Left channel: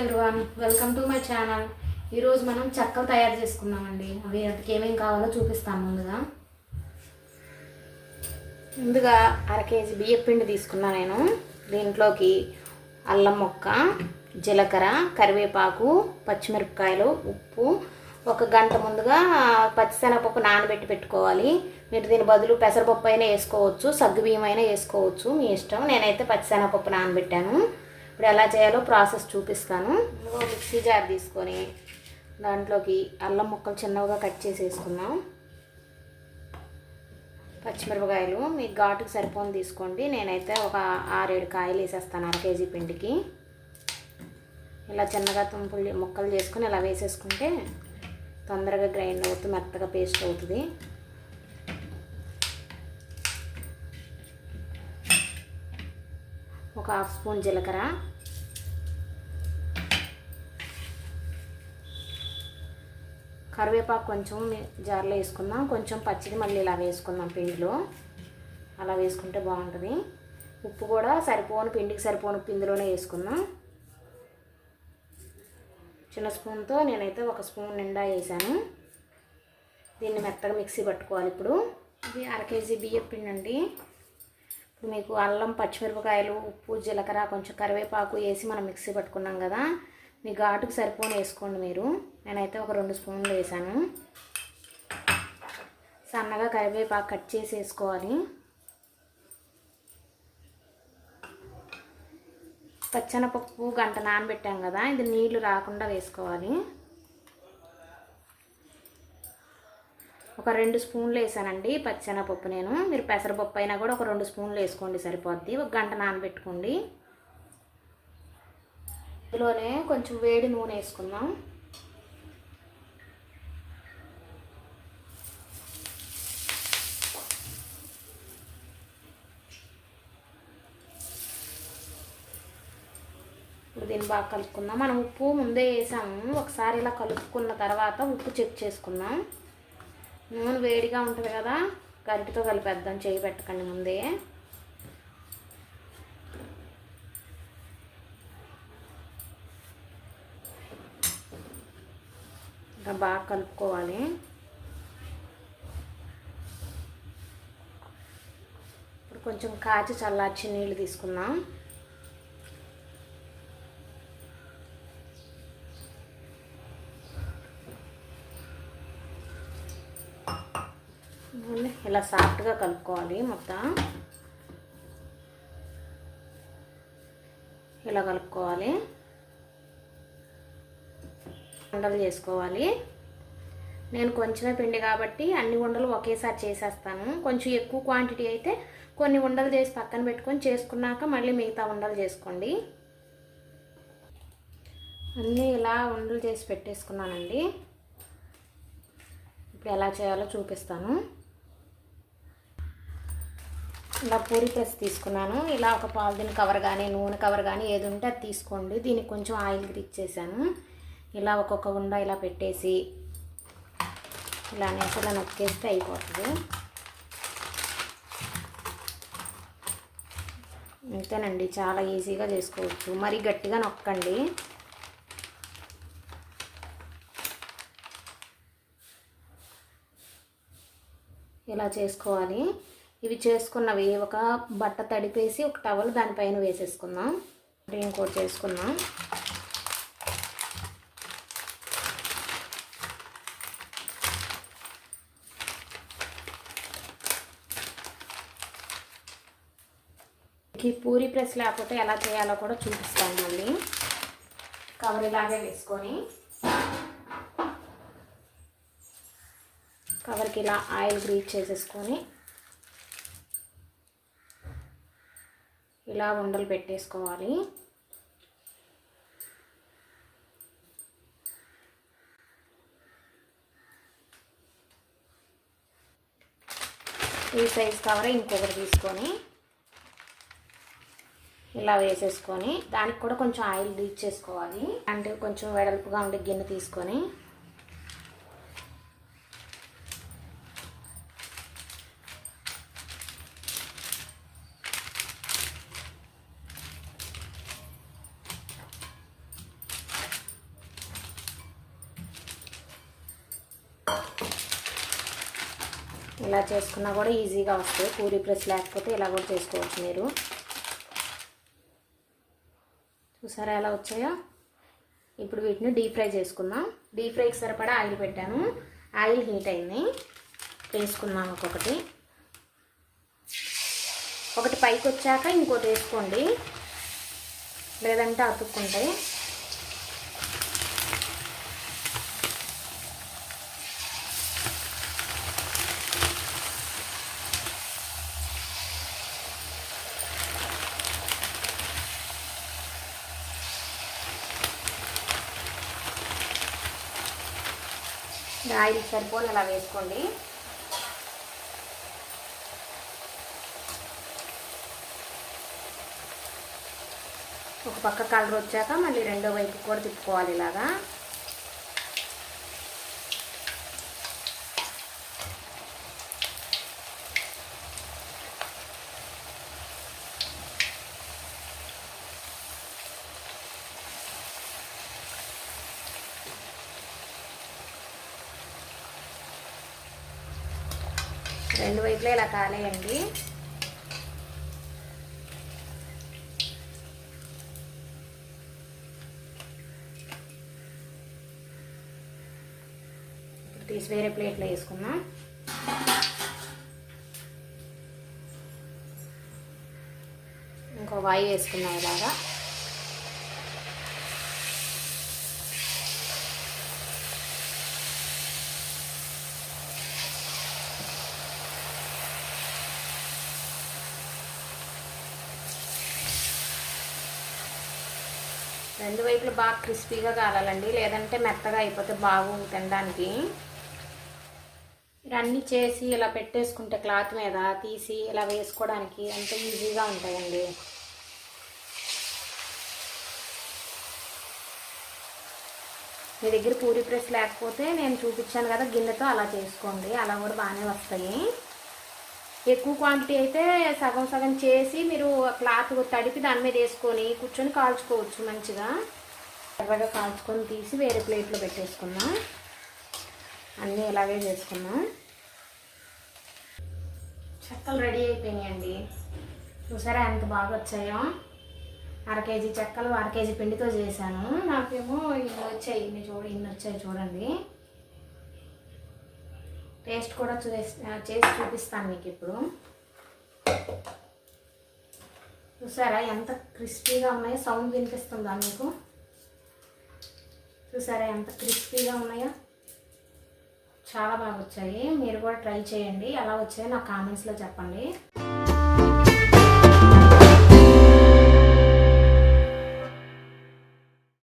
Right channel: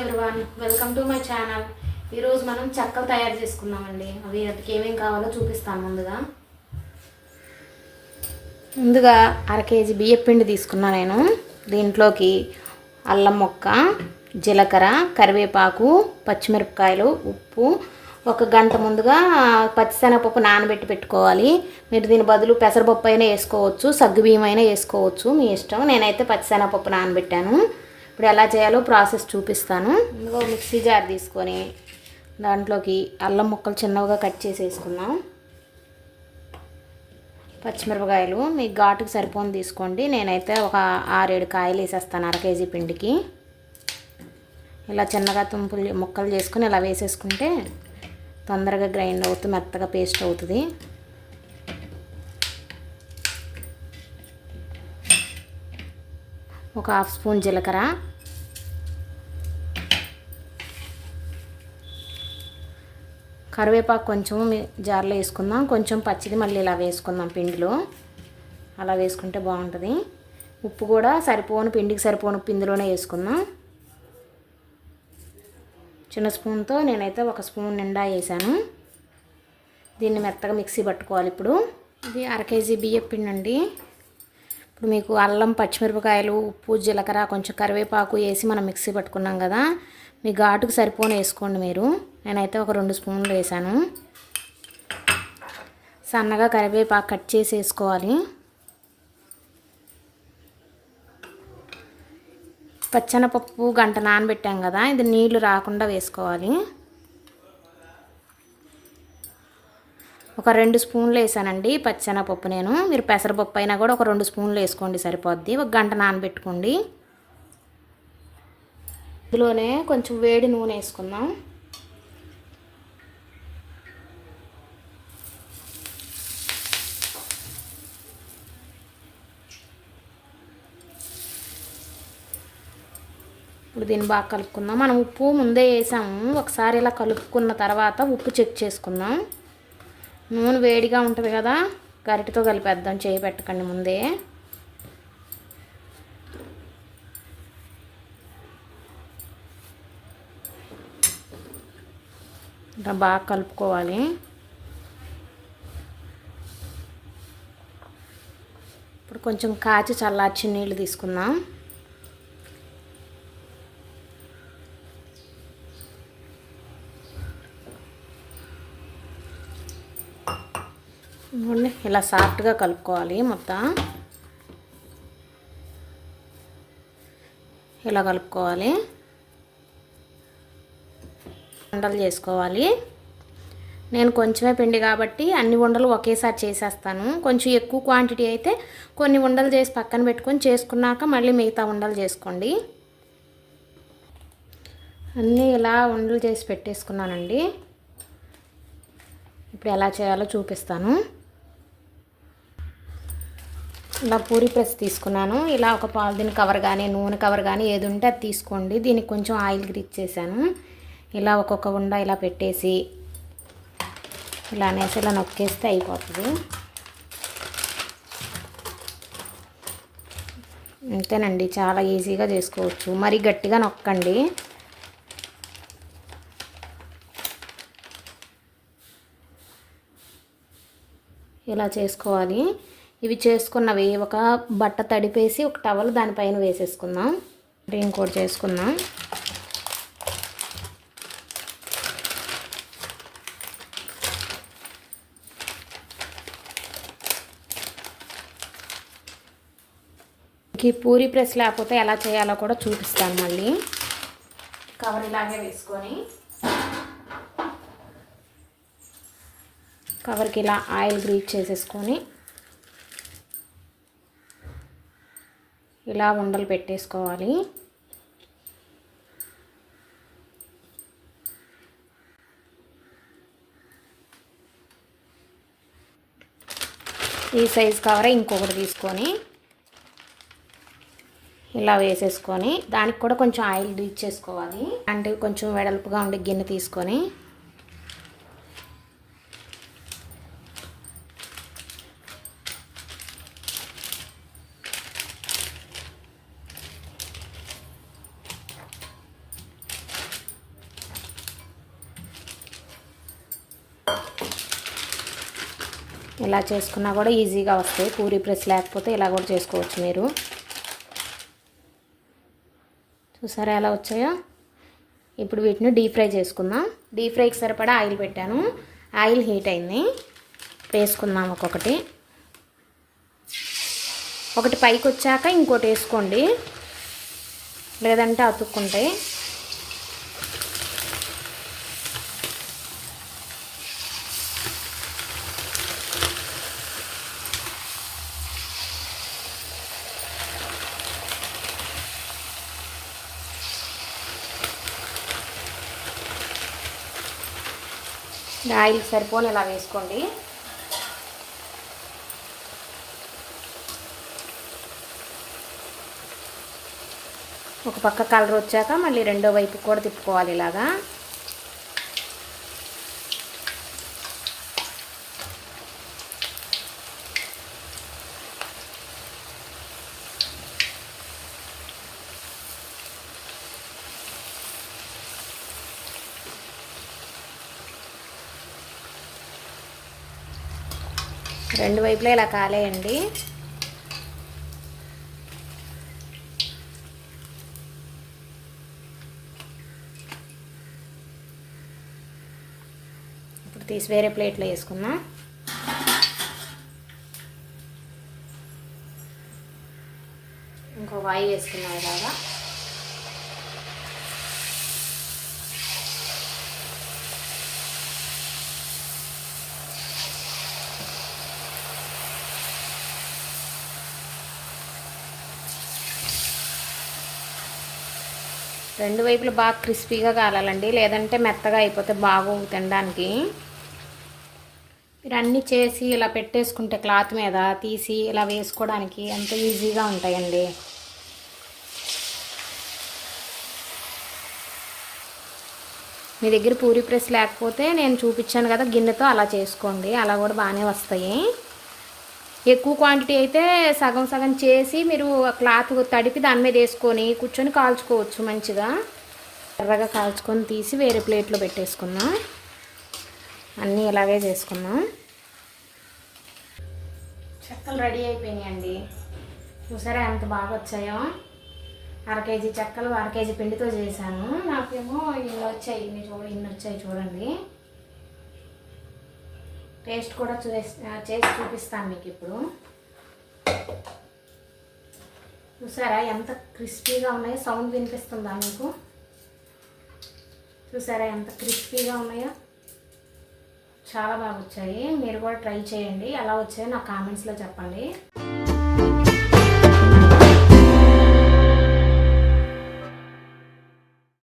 Everyone, welcome to my channel. ఈరోజు మనం చెక్కలు తయారు చేసుకుందామండి. అవి వాటికి ఏమేమి కావాలో చూపిస్తాను. ముందుగా అర కేజీ బియ్యం పిండి తీసుకున్నా నేను. దీంట్లోకి అల్లం ముక్క, జీలకర్ర, కరివేపాకు, పచ్చిమిరపకాయలు, ఉప్పు, ఒక గంట ముందుగా పచ్చిశనగపప్పు నానబెట్టి పెట్టుకోవాలి. మీరు దీని బదులు పెసరపప్పు అయినా వేసుకోవచ్చు, సగ్గుబియ్యం అయినా వేసుకోవచ్చు, మీ ఇష్టం. నేనైతే పచ్చిశనగపప్పు నానబెట్టాను. ఇప్పుడు ఎలా చేయాలో ప్రాసెస్ చూపిస్తాను. ఇందులో మిక్సీ జార్ తీసుకొని దాంట్లోకి అల్లం ముక్కలు చిన్నగా కట్ చేసి వేసుకుందాం. పచ్చిమిరపకాయలు మీకు ఘాటుకు సరిపోని తీసుకోండి. నేనైతే ఒక 6-7 కాయలు వేసేస్తాను అర కేజీ పిండికి. ఇలా చిన్నగా ముక్కలు చేసుకుని ఇలా వేసేసుకుంటే తొందరగా గ్రైండ్ అవుతుంది, మెత్తగా పేస్ట్ అవుతుంది. ఒక 1/2 స్పూన్ జీలకర్ర, కరివేపాకు కొంచెం జార్లో వేసుకుందాం. కొంచెం పచ్చిది మళ్ళీ ఇలా వేసుకుందాం పిండిలో. అలా వేసుకుంటే బాగుంటుంది. ఉప్పు కూడా పిండికి సరిపోను పిండిలోనే వేసుకుందాం. చిన్న స్పూన్తో నేనైతే 1 స్పూన్ నిండా వేసాను. దీన్ని మెత్తగా మిక్సీ పట్టుకోవాలి. ఇప్పుడు ఇది అర కేజీ బియ్యం పిండి అండి. ఇప్పుడు మీకు అల్లం, పచ్చిమిరపకాయలు, ఉప్పు, జీలకర్ర, కొంచెం కరివేపాకు వేసి మనం మిక్సీ పట్టుకున్నాం కదా, మీ ఘాటుకు సరిపోని వేసుకోండి మీరు. నేనైతే ఒక 2 స్పూన్లు వేసాను. సన్నగా కరివేపాకు కట్ చేసి వేసుకోవాలి. పచ్చెనపప్పు గంట నానబెట్టాం కదా, ఇది నీళ్లు రాకుండా వేసుకోవాలి. ఒక 2 స్పూన్లు వేసానండి పచ్చెనపప్పు నేను. మీరు పెసరపప్పు అయినా కూడా ఒక 2 స్పూన్లు వేసుకోండి సరిపోద్ది. ఒక గంట నానబెట్టుకోండి. ఇందులోనే కొంచెం వేడి నూనె వేసుకుందాం. ఇప్పుడు దీన్ని బాగా కలుపుకుందాం. మనం ఉప్పు ముందే వేసాము. ఒకసారి ఇలా కలుపుకున్న తర్వాత ఉప్పు చెక్ చేసుకుందాం. నూనె వేడిగా ఉంటుంది కదా, గరిటెతో కలిపేద్దాం, చేయి పెట్టకండి ముందే. ఇలా బాగా కలుపుకోవాలి. ఇప్పుడు కొంచెం కాచి చల్లార్చి నీళ్ళు తీసుకుందాం. ఇలా సాఫ్ట్గా కలుపుకోవాలి. మొత్తం ఇలా కలుపుకోవాలి. ఉండలు చేసుకోవాలి. నేను కొంచెమే పిండి కాబట్టి అన్ని ఉండలు ఒకేసారి చేసేస్తాను. కొంచెం ఎక్కువ క్వాంటిటీ అయితే కొన్ని ఉండలు చేసి పక్కన పెట్టుకొని చేసుకున్నాక మళ్ళీ మిగతా ఉండలు చేసుకోండి. అన్నీ ఇలా ఉండలు చేసి పెట్టేసుకున్నానండి. ఇప్పుడు ఎలా చేయాలో చూపిస్తాను. ఇలా పూరి ప్రెస్ తీసుకున్నాను. ఇలా ఒక పాలిథిన్ కవర్ కానీ నూనె కవర్ కానీ ఏది ఉంటే అది తీసుకోండి. దీనికి కొంచెం ఆయిల్ గ్రీజ్ చేశాను. ఇలా ఒక్కొక్క ఉండ ఇలా పెట్టేసి ఇలా అనేసి ఇలా నొక్కేస్తే అయిపోతుంది. అంతేనండి, చాలా ఈజీగా చేసుకోవచ్చు. మరి గట్టిగా నొక్కండి. ఇలా చేసుకోవాలి. ఇవి చేసుకున్నవి ఒక బట్ట తడిపేసి ఒక టవల్ దానిపైన వేసేసుకుందాం. ఇంకోటి చేసుకుందాం. ఈ పూరి ప్రెస్ లేకపోతే ఎలా చేయాలో కూడా చూపిస్తాను. మళ్ళీ కవర్ ఇలాగే వేసుకొని కవర్కి ఇలా ఆయిల్ గ్రీజ్ చేసేసుకొని ఇలా ఉండలు పెట్టేసుకోవాలి. ఈ సైజ్ కవర్ ఇంకొకటి తీసుకొని ఇలా వేసేసుకొని దానికి కూడా కొంచెం ఆయిల్ గ్రీజ్ చేసుకోవాలి. అంటే కొంచెం వెడల్పుగా ఉండే గిన్నె తీసుకొని ఇలా చేసుకున్నా కూడా ఈజీగా వస్తాయి. పూరీ ప్రెస్ లేకపోతే ఇలా కూడా చేసుకోవచ్చు మీరు. చూసారా ఎలా వచ్చాయో. ఇప్పుడు వీటిని డీప్ ఫ్రై చేసుకుందాం. డీప్ ఫ్రైకి సరిపడా ఆయిల్ పెట్టాను. ఆయిల్ హీట్ అయింది. వేసుకుందాం ఒక్కొక్కటి. ఒకటి పైకి వచ్చాక ఇంకోటి వేసుకోండి, లేదంటే అతుక్కుంటాయి. ఆయిల్ సరిపోని ఇలా వేసుకోండి. ఒక పక్క కలర్ వచ్చాక మళ్ళీ రెండో వైపు కూడా తిప్పుకోవాలి ఇలాగా. రెండు వైపులా ఇలా కాలేయండి. ఇప్పుడు తీసి వేరే ప్లేట్లో వేసుకున్నా. ఇంకో వాయి వేసుకున్నాం ఇలాగా. రెండు వైపులు బాగా క్రిస్పీగా కాలాలండి, లేదంటే మెత్తగా అయిపోతే బాగోవు తినడానికి. మీరు అన్నీ చేసి ఇలా పెట్టేసుకుంటే క్లాత్ మీద తీసి ఇలా వేసుకోవడానికి అంత ఈజీగా ఉంటాయండి. మీ దగ్గర పూరీ ప్రెస్ లేకపోతే నేను చూపించాను కదా గిన్నెతో అలా చేసుకోండి, అలా కూడా బాగానే వస్తాయి. ఎక్కువ క్వాంటిటీ అయితే సగం సగం చేసి మీరు క్లాత్ తడిపి దాని మీద వేసుకొని కూర్చొని కాల్చుకోవచ్చు. మంచిగా ఎర్రగా కాల్చుకొని తీసి వేరే ప్లేట్లో పెట్టేసుకున్నాం. అన్నీ ఇలాగే చేసుకున్నాం. చెక్కలు రెడీ అయిపోయినాయండి. చూసారా ఎంత బాగా వచ్చాయో. 1/2 కేజీ చెక్కలు 1/2 కేజీ పిండితో చేశాను. నాకేమో ఇన్ని వచ్చాయి. ఇన్ని వచ్చాయి చూడండి. టేస్ట్ కూడా చేసి చూపిస్తాను మీకు ఇప్పుడు. చూసారా ఎంత క్రిస్పీగా ఉన్నాయో. సౌండ్ వినిపిస్తుందా మీకు? చూసారా ఎంత క్రిస్పీగా ఉన్నాయో. చాలా బాగా వచ్చాయి. మీరు కూడా ట్రై చేయండి. ఎలా వచ్చాయో నాకు కామెంట్స్లో చెప్పండి.